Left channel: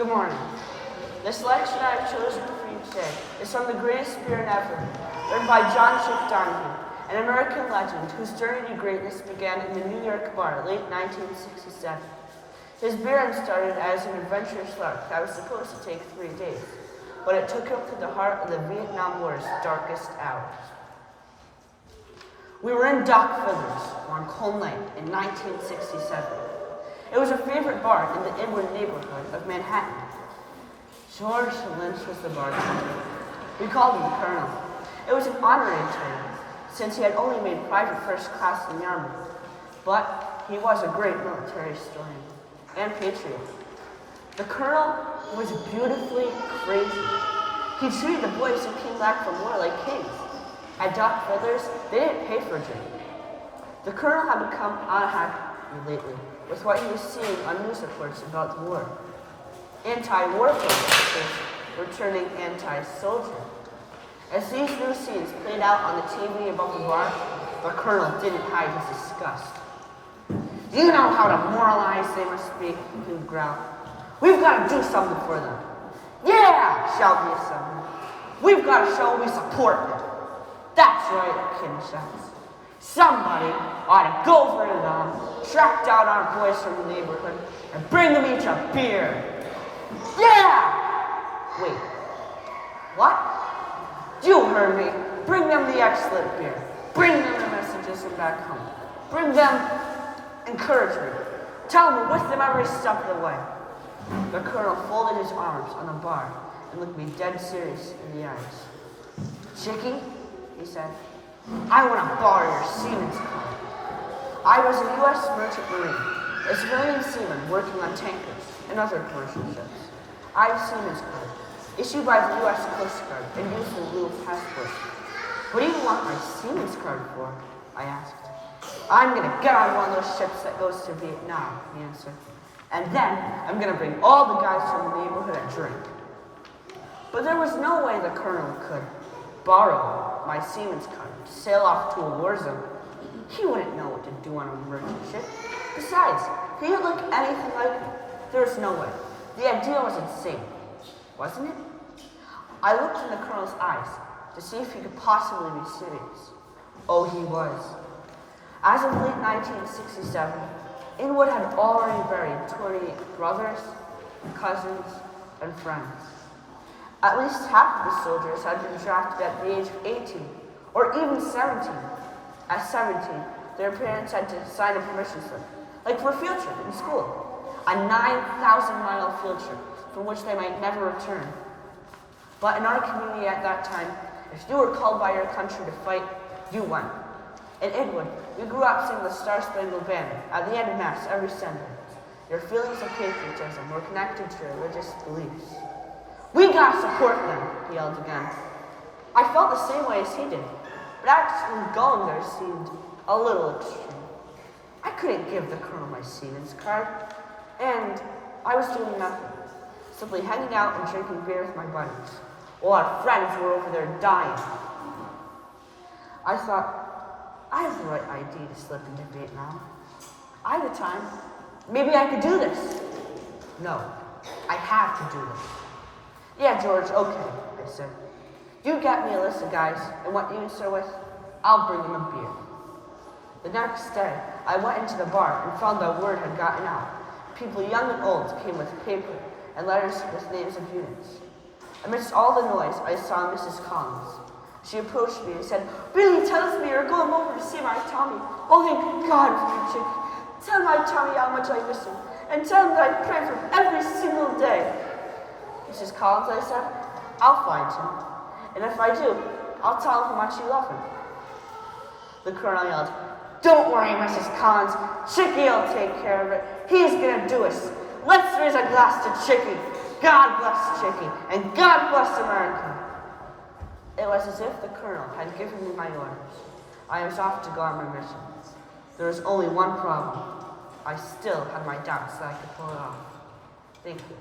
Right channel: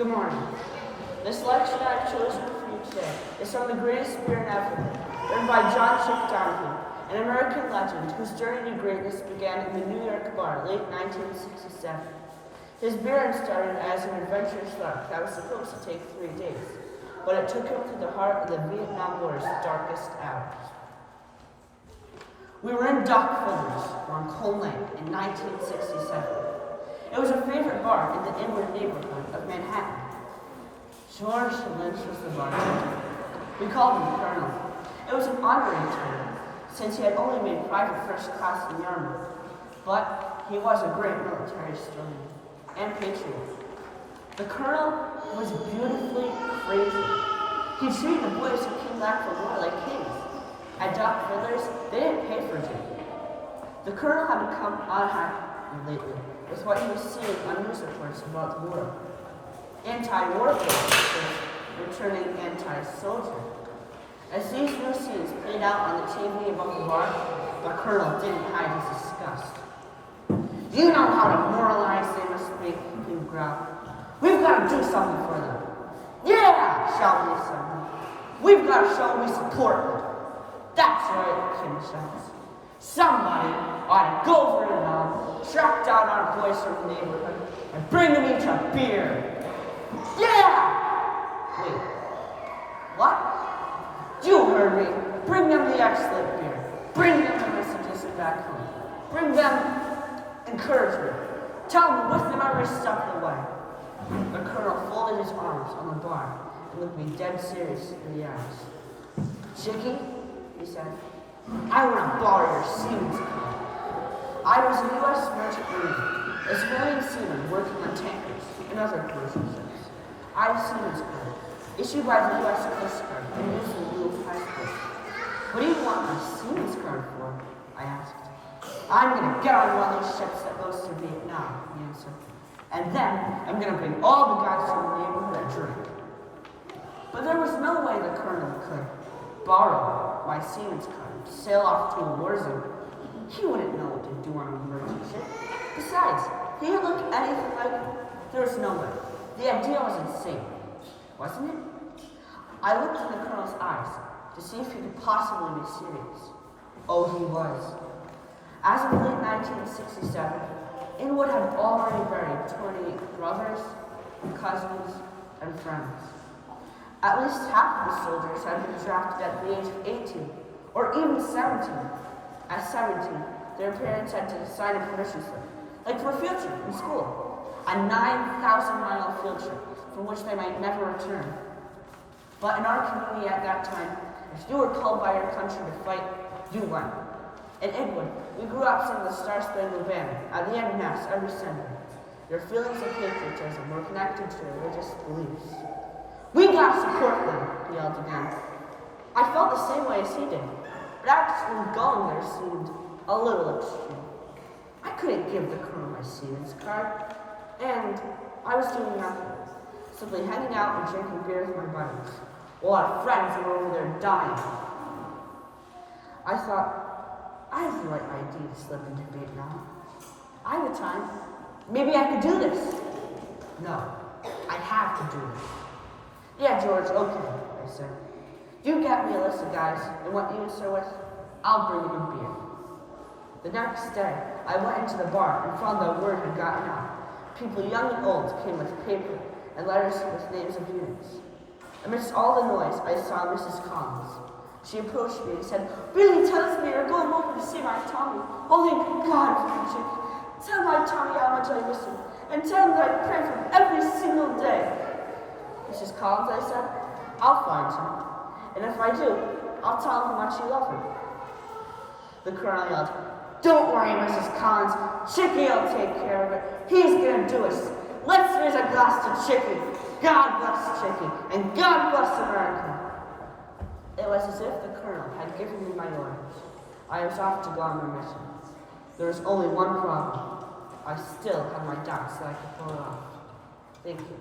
Good morning. This lecture I have chosen for you today is from The Greatest Spirit Ever, written by Donahue, an American legend whose journey to greatness began in the New York bar late 1967. His beer started as an adventurous lark that was supposed to take 3 days, but it took him to the heart of the Vietnam War's darkest hours. We were in Doc Fiddler's on Cone Lane in 1967. It was a favorite bar in the Inwood neighborhood of Manhattan. George Lynch was the bartender. We called him Colonel. It was an honorary title, since he had only made private first class in the Army. But he was a great military historian and patriot. The Colonel was beautifully crazy. He treated the boys who came back from war like kings. At Doc Fiddler's, they didn't pay for a drink. The Colonel had become unhappy lately with what he was seeing on news reports about the war. Anti-war protesters were turning anti-soldier. As these new scenes played out on the TV above the bar, the Colonel didn't hide his disgust. You know how demoralized they must be, he growled. We've got to do something for them. Yeah, shouted the assembly. We've got to show we support them. That's right, Kim shouts. Somebody ought to go for Vietnam, track down our boys from the neighborhood, and bring them each a beer. Yeah! Wait, what? You heard me. Bring them the excellent beer. Bring them the messages from back home. Bring them encouragement. Tell them to lift them every step of the way. The Colonel folded his arms on the bar and looked me dead serious in the eyes. Chickie, he said, I want to borrow your seaman's card. I was a U.S. merchant marine, a civilian seaman working on tankers and other commercial ships. I have a seaman's card, issued by the U.S. Coast Guard and used in lieu of passport. What do you want my seaman's card for? I asked. I'm going to get on one of those ships that goes to Vietnam, he answered. And then I'm going to bring all the guys from the neighborhood a drink. But there was no way the Colonel could borrow my seaman's card to sail off to a war zone. He wouldn't know what to do on a merchant ship. Besides, he didn't look anything like me. There was no way. The idea was insane, wasn't it? I looked in the Colonel's eyes to see if he could possibly be serious. Oh, he was. As of late 1967, Inwood had already buried 28 brothers, cousins, and friends. At least half of the soldiers had been drafted at the age of 18, or even 17. At 17, their parents had to sign a permission slip, like for a field trip in school, a 9,000-mile field trip from which they might never return. But in our community at that time, if you were called by your country to fight, you went. In Inwood, we grew up singing the Star-Spangled Banner at the end of Mass every Sunday. Your feelings of patriotism were connected to your religious beliefs. We gotta support them, he yelled again. I felt the same way as he did, but actually going there seemed a little extreme. I couldn't give the Colonel my seaman's card, and I was doing nothing, simply hanging out and drinking beer with my buddies, while our friends were over there dying. I thought, I have the right idea to slip into Vietnam. I have the time. Maybe I could do this. No, I have to do this. Yeah, George, okay, I said. You get me a list of guys and what units they're with. I'll bring them a beer. The next day, I went into the bar and found that word had gotten out. People young and old came with paper and letters with names of units. Amidst all the noise, I saw Mrs. Collins. She approached me and said, Billy tells me you're going over to see my Tommy. Oh, thank God for you, Chick. Tell my Tommy how much I miss him, and tell him that I pray for him every single day. Mrs. Collins, I said, I'll find him. And if I do, I'll tell him how much you love him. The Colonel yelled, Don't worry, Mrs. Collins. Chickie will take care of it. He's going to do us. Let's raise a glass to Chickie. God bless Chickie, and God bless America. It was as if the Colonel had given me my orders. I was off to go on my mission. There was only one problem. I still had my doubts that I could pull it off. Thank you.